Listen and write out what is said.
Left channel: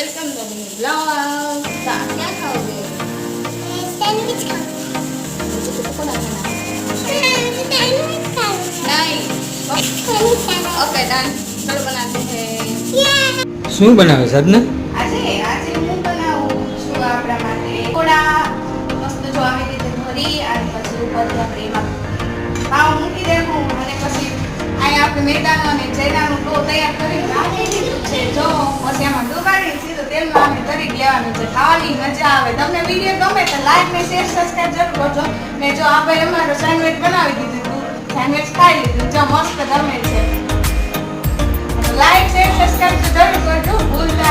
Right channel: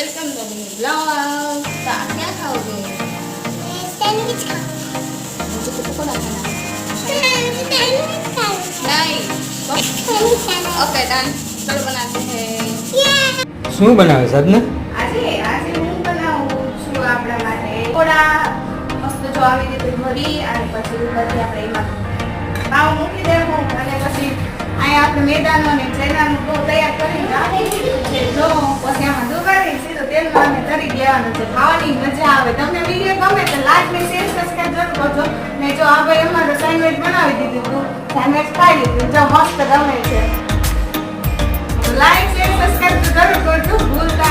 Welcome to blog. तो आप क्या खाओगे? मैं सैंडविच खाऊंगा। मुझे तो पकोड़ा खाना है। सैंडविच खाऊंगा। नहीं सैंडविच खाना। ओके डन, चलो बनाते हैं। શું બનાવે સાધના? આજે આજે હું બનાવું છું આપણા માટે પકોડા મસ્ત જો આવી રીતે ભરી અને પછી ઉપરથી આપણે એમાં પાવ મૂકી દેવું અને પછી અહીંયા આપણે મેદાનો અને ચેનાનું ડો તૈયાર કરીને રાખી દીધું છે જો પછી આમાં ડુબાડી સીધું તેલમાં અને તરી દેવાનું છે ખાવાની મજા આવે તમને વિડીયો ગમે તો લાઈક ને શેર સબસ્ક્રાઇબ જરૂર કરજો ને જો આપણે અમારો સેન્ડવિચ બનાવી દીધું હતું સેન્ડવિચ ખાઈ લીધું જો મસ્ત ગમે છે લાઈક શેર સબસ્ક્રાઇબ તો જરૂર કરજો ભૂલતા